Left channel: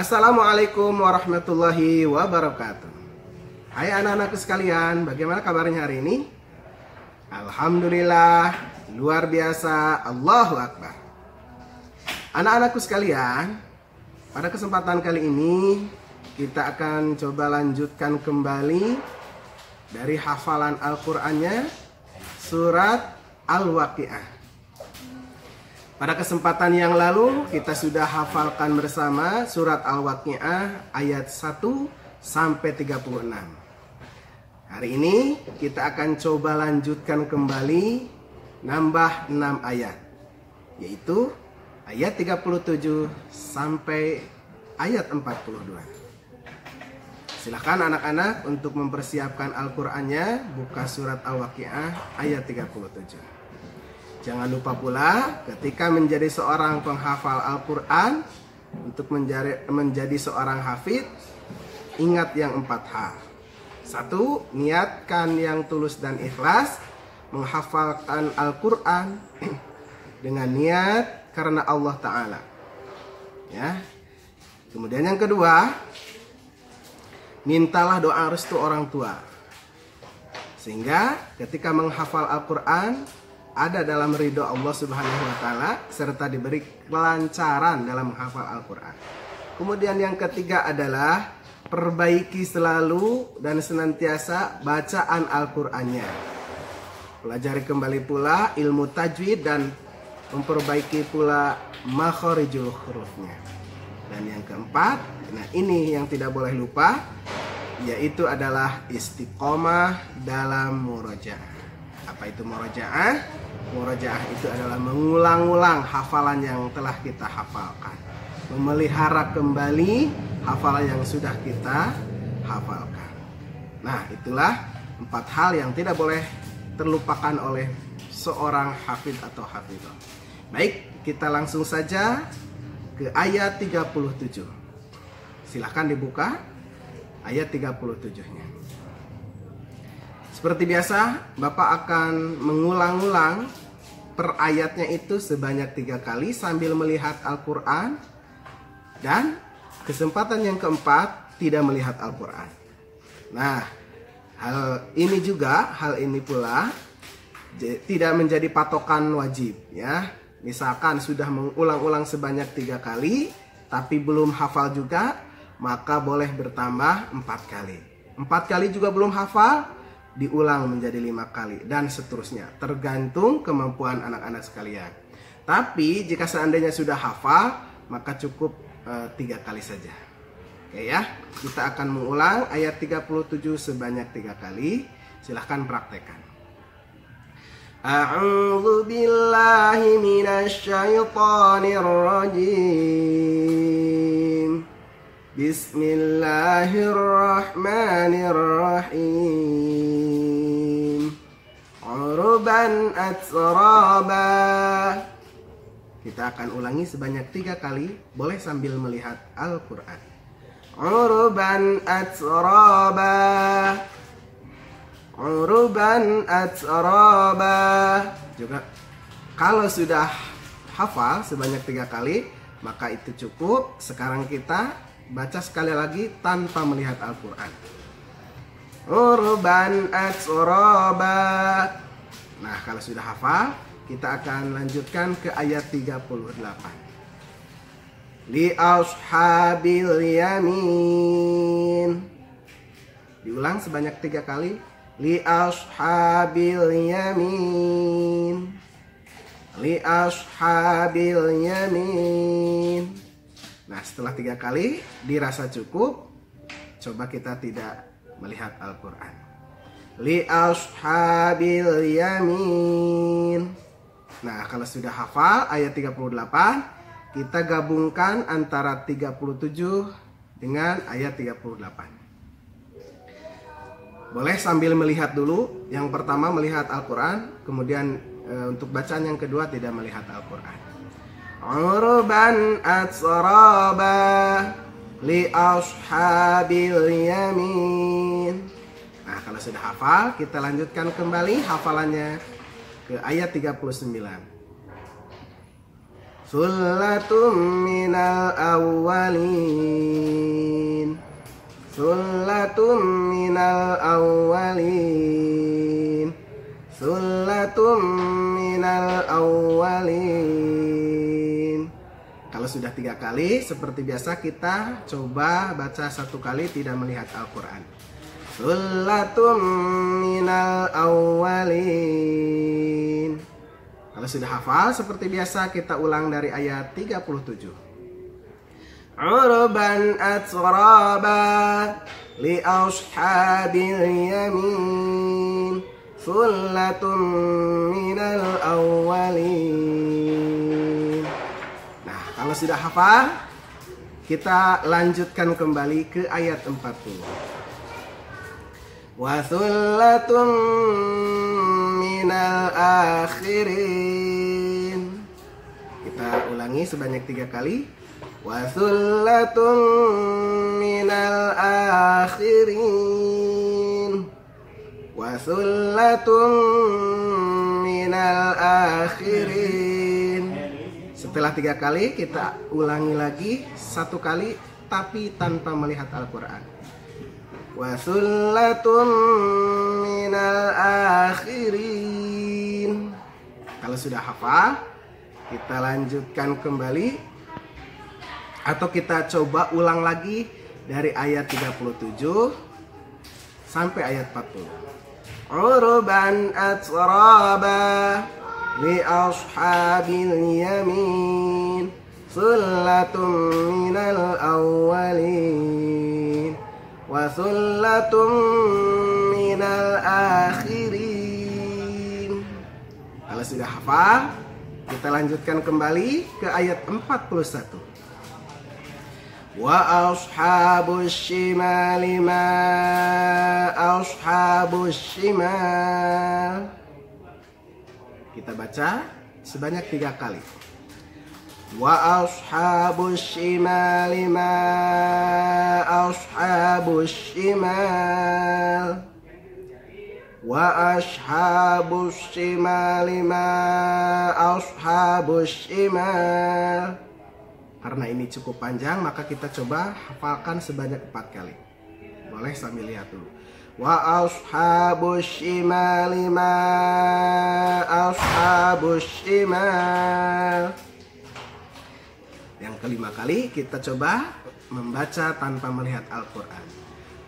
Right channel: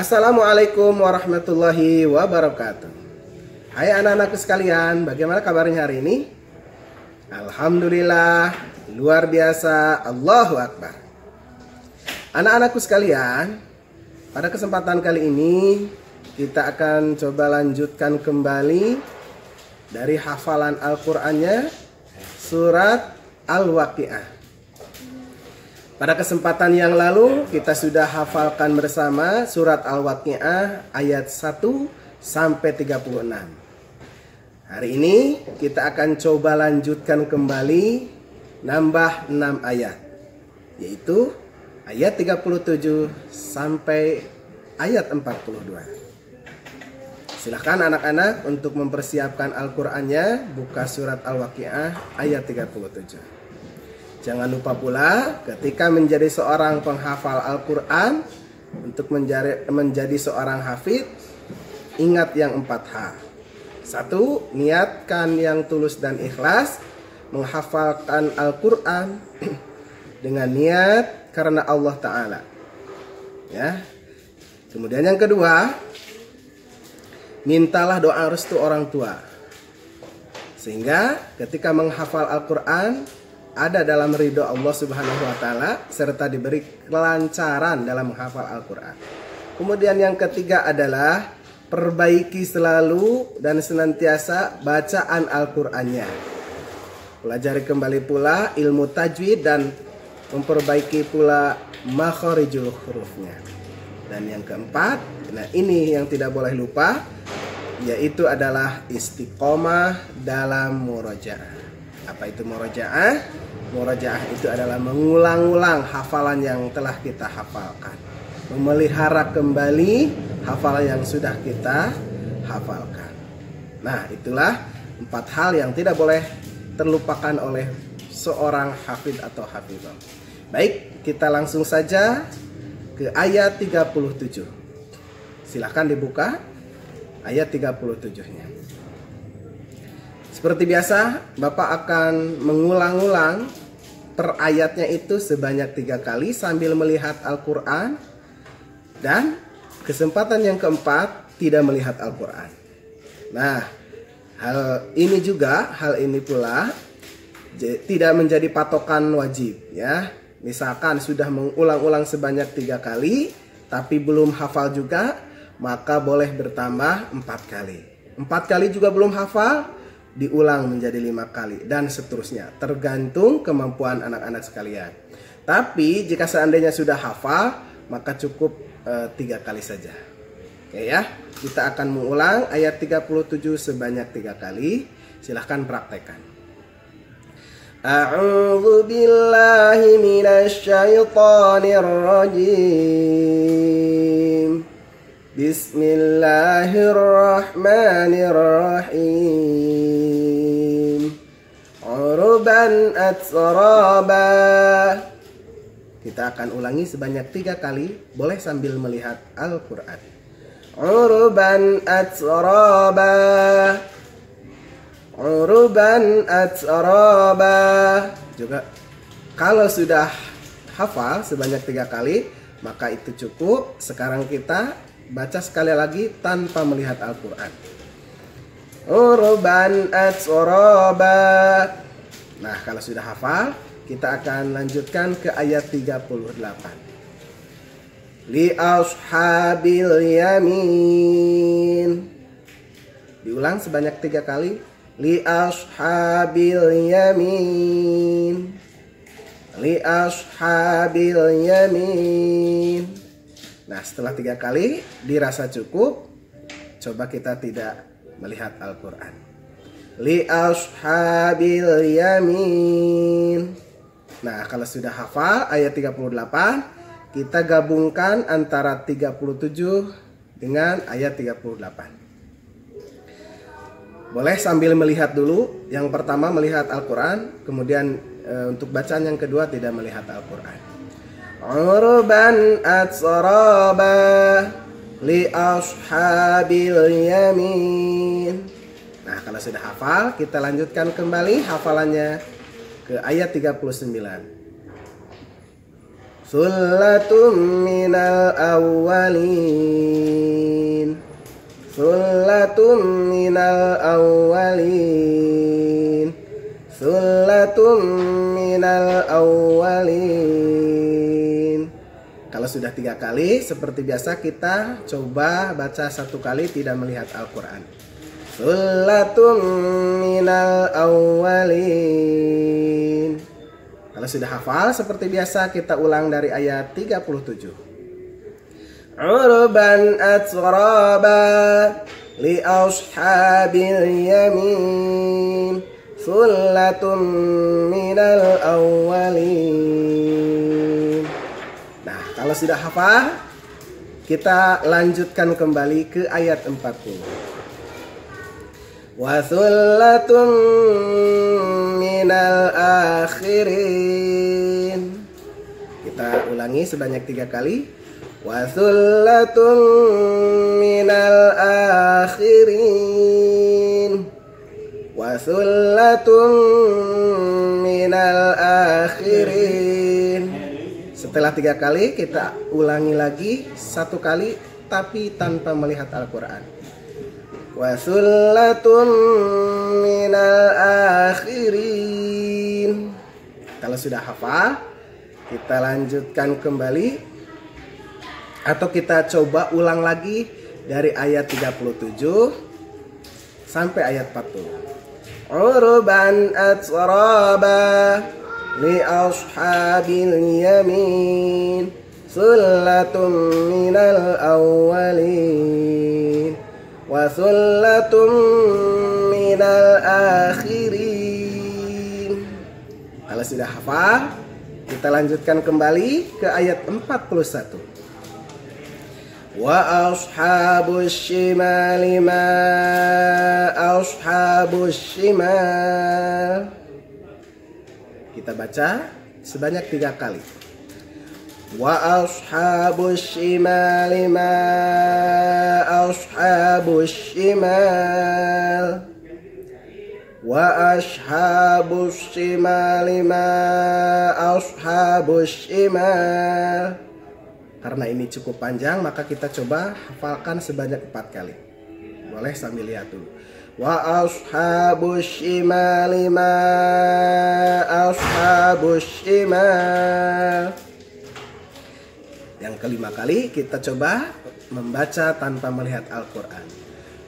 Assalamualaikum warahmatullahi wabarakatuh. Hai anak-anakku sekalian, bagaimana kabarnya hari ini? Alhamdulillah, luar biasa, Allahu Akbar. Anak-anakku sekalian, pada kesempatan kali ini kita akan coba lanjutkan kembali dari hafalan Al-Qur'annya surat Al-Waqiah. Pada kesempatan yang lalu kita sudah hafalkan bersama surat Al-Waqiah ayat 1 sampai 36. Hari ini kita akan coba lanjutkan kembali nambah 6 ayat, yaitu ayat 37 sampai ayat 42. Silahkan anak-anak untuk mempersiapkan Al-Qur'annya, buka surat Al-Waqiah ayat 37. Jangan lupa pula ketika menjadi seorang penghafal Al-Quran, untuk menjadi seorang hafid, ingat yang 4H. 1. Niatkan yang tulus dan ikhlas menghafalkan Al-Quran dengan niat karena Allah Ta'ala. Ya. Kemudian yang kedua, mintalah doa restu orang tua, sehingga ketika menghafal Al-Quran ada dalam ridho Allah Subhanahu wa Ta'ala, serta diberi kelancaran dalam menghafal Al-Quran. Kemudian yang ketiga adalah perbaiki selalu dan senantiasa bacaan Al-Qur'annya. Pelajari kembali pula ilmu tajwid dan memperbaiki pula makharijul hurufnya. Dan yang keempat, nah ini yang tidak boleh lupa, yaitu adalah istiqomah dalam murojaah. Apa itu murojaah? Murojaah itu adalah mengulang-ulang hafalan yang telah kita hafalkan, memelihara kembali hafalan yang sudah kita hafalkan. Nah, itulah 4 hal yang tidak boleh terlupakan oleh seorang hafid atau hafidhah. Baik, kita langsung saja ke ayat 37. Silahkan dibuka ayat 37-nya. Seperti biasa, Bapak akan mengulang-ulang per ayatnya itu sebanyak 3 kali sambil melihat Al-Quran. Dan kesempatan yang keempat, tidak melihat Al-Quran. Nah, hal ini pula tidak menjadi patokan wajib, ya. Misalkan sudah mengulang-ulang sebanyak 3 kali tapi belum hafal juga, maka boleh bertambah 4 kali. 4 kali juga belum hafal, diulang menjadi 5 kali, dan seterusnya, tergantung kemampuan anak-anak sekalian. Tapi jika seandainya sudah hafal, maka cukup 3 kali saja. Oke ya, kita akan mengulang ayat 37 sebanyak 3 kali. Silahkan praktekkan. A'udzu billahi minasy syaithanir rajim. Bismillahirrahmanirrahim. Uruban atsraba. Kita akan ulangi sebanyak 3 kali, boleh sambil melihat Al-Quran. Uruban atsraba. Uruban atsraba. Juga kalau sudah hafal sebanyak 3 kali, maka itu cukup. Sekarang kita baca sekali lagi tanpa melihat Al-Quran. Uruban atsraba. Nah, kalau sudah hafal, kita akan lanjutkan ke ayat 38. Li ashabil yamin. Diulang sebanyak 3 kali. Li ashabil yamin. Li ashabil yamin. Nah, setelah 3 kali dirasa cukup, coba kita tidak melihat Al-Quran. Li ashabil yamin. Nah, kalau sudah hafal ayat 38, kita gabungkan antara 37 dengan ayat 38. Boleh sambil melihat dulu. Yang pertama melihat Al-Quran, kemudian untuk bacaan yang kedua tidak melihat Al-Quran. Urban atsraba li ashabil yamin. Nah, kalau sudah hafal, kita lanjutkan kembali hafalannya ke ayat 39. Sullatun minal awwalin. Sullatun minal awwalin. Sullatun minal awwalin. Kalau sudah 3 kali, seperti biasa kita coba baca 1 kali tidak melihat Al-Quran. Sullatun minal awwalin. Kalau sudah hafal, seperti biasa kita ulang dari ayat 37. Urban atraba li ashabil yamin. Sullatun minal awwalin. Nah, kalau sudah hafal, kita lanjutkan kembali ke ayat 40. Wa sullatun minal akhirin. Kita ulangi sebanyak 3 kali. Wa sullatun minal akhirin. Wa sullatun minal akhirin. Setelah 3 kali kita ulangi lagi 1 kali tapi tanpa melihat Al-Quran. Wa sullatun minal akhirin. Kalau sudah hafal, kita lanjutkan kembali atau kita coba ulang lagi dari ayat 37 sampai ayat 40. Urban atraba li ashabil yamin. Sullatun minal awwalin. Wa sullatun minal akhirin. Kalau sudah hafal, kita lanjutkan kembali ke ayat 41. Wa ashabus shimali ma ashabus shimal. Kita baca sebanyak 3 kali. Wa ashabus shimali ma ashabus shimal. Wa ashabus shimali ma ashabus shimal. Karena ini cukup panjang, maka kita coba hafalkan sebanyak 4 kali. Boleh sambil lihat dulu. Wa ashabus shimali ma ashabus shimal. Yang kelima kali kita coba membaca tanpa melihat Al-Quran.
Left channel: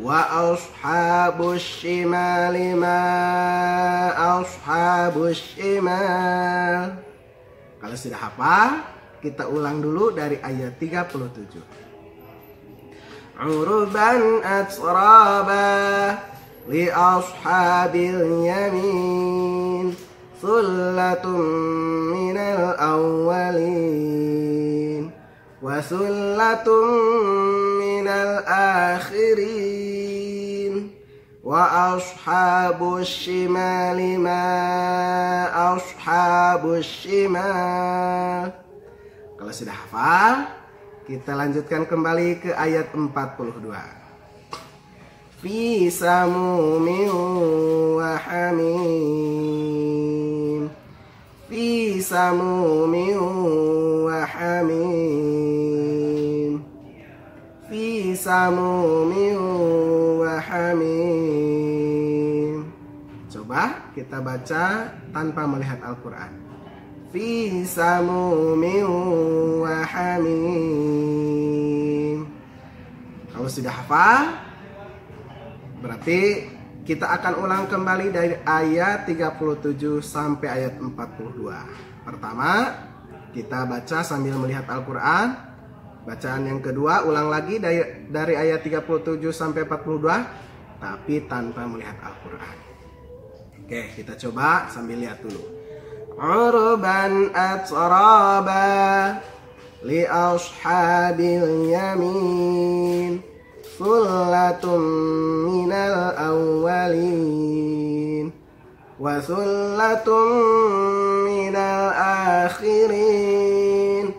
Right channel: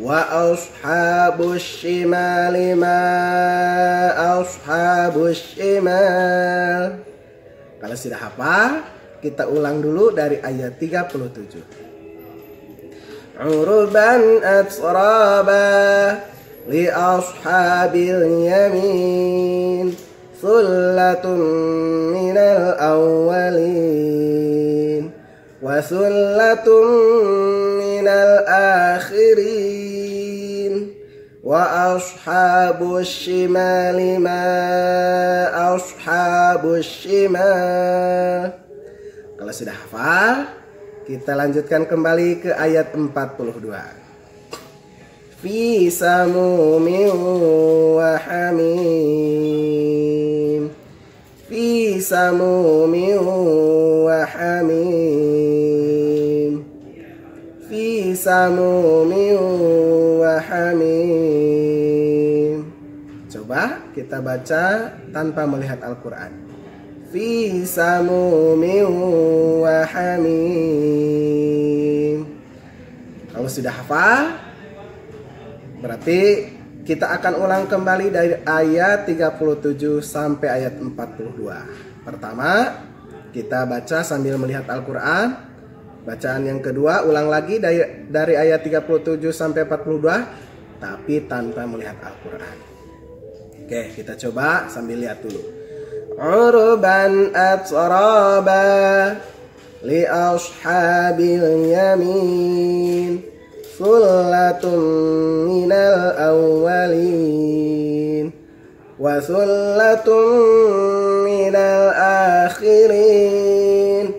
Wa ashabus shimali ma ashabus shimal. Kalau sudah hafal, kita ulang dulu dari ayat 37. Urban atraba li ashabil yamin. Sullatun minal awwalin. Wa sullatun minal akhirin. Wa ashabus shimali ma ashabus shimal. Kalau sudah hafal, kita lanjutkan kembali ke ayat 42. Fi samumin wa hamim. Fi samumin wa hamim. Fi samumin wa hamim. Coba kita baca tanpa melihat Al-Quran. Fi samumin wa hamim. Kalau sudah hafal, berarti kita akan ulang kembali dari ayat 37 sampai ayat 42. Pertama, kita baca sambil melihat Al-Quran. Bacaan yang kedua, ulang lagi dari ayat 37 sampai 42, tapi tanpa melihat Al-Quran. Oke, kita coba sambil lihat dulu. Urban atraba li ashabil yamin. Sullatun minal awwalin. Wa sullatun minal akhirin.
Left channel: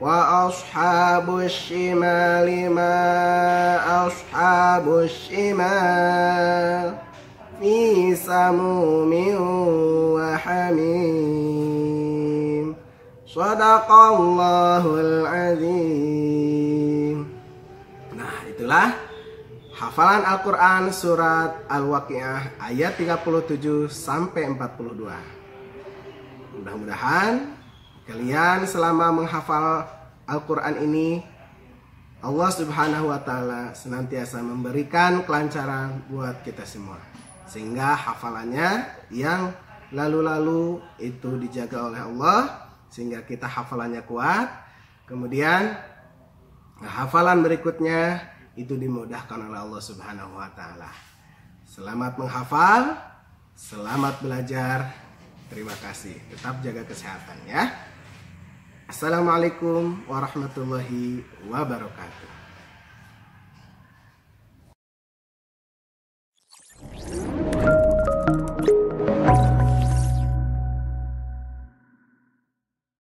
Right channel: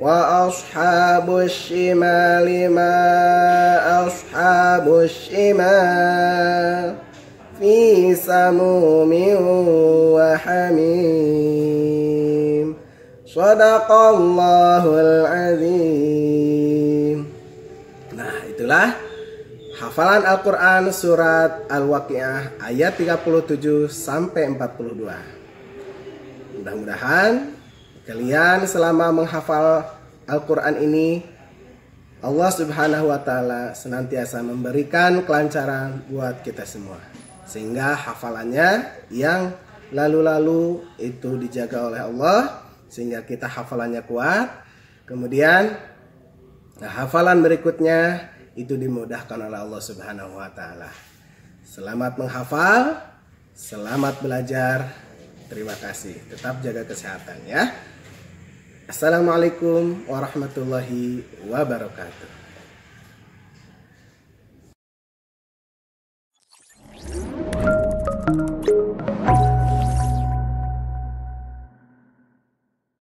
Wa ashabus shimali ma ashabus shimal. Fi samumin wa hamim. Shadaqallahul azim. Nah, itulah hafalan Al-Quran surat Al-Waqiah ayat 37 sampai 42. Mudah-mudahan kalian selama menghafal Al-Quran ini, Allah Subhanahu wa Ta'ala senantiasa memberikan kelancaran buat kita semua, sehingga hafalannya yang lalu-lalu itu dijaga oleh Allah, sehingga kita hafalannya kuat. Kemudian hafalan berikutnya itu dimudahkan oleh Allah Subhanahu wa Ta'ala. Selamat menghafal, selamat belajar. Terima kasih. Tetap jaga kesehatan ya. Assalamualaikum warahmatullahi wabarakatuh.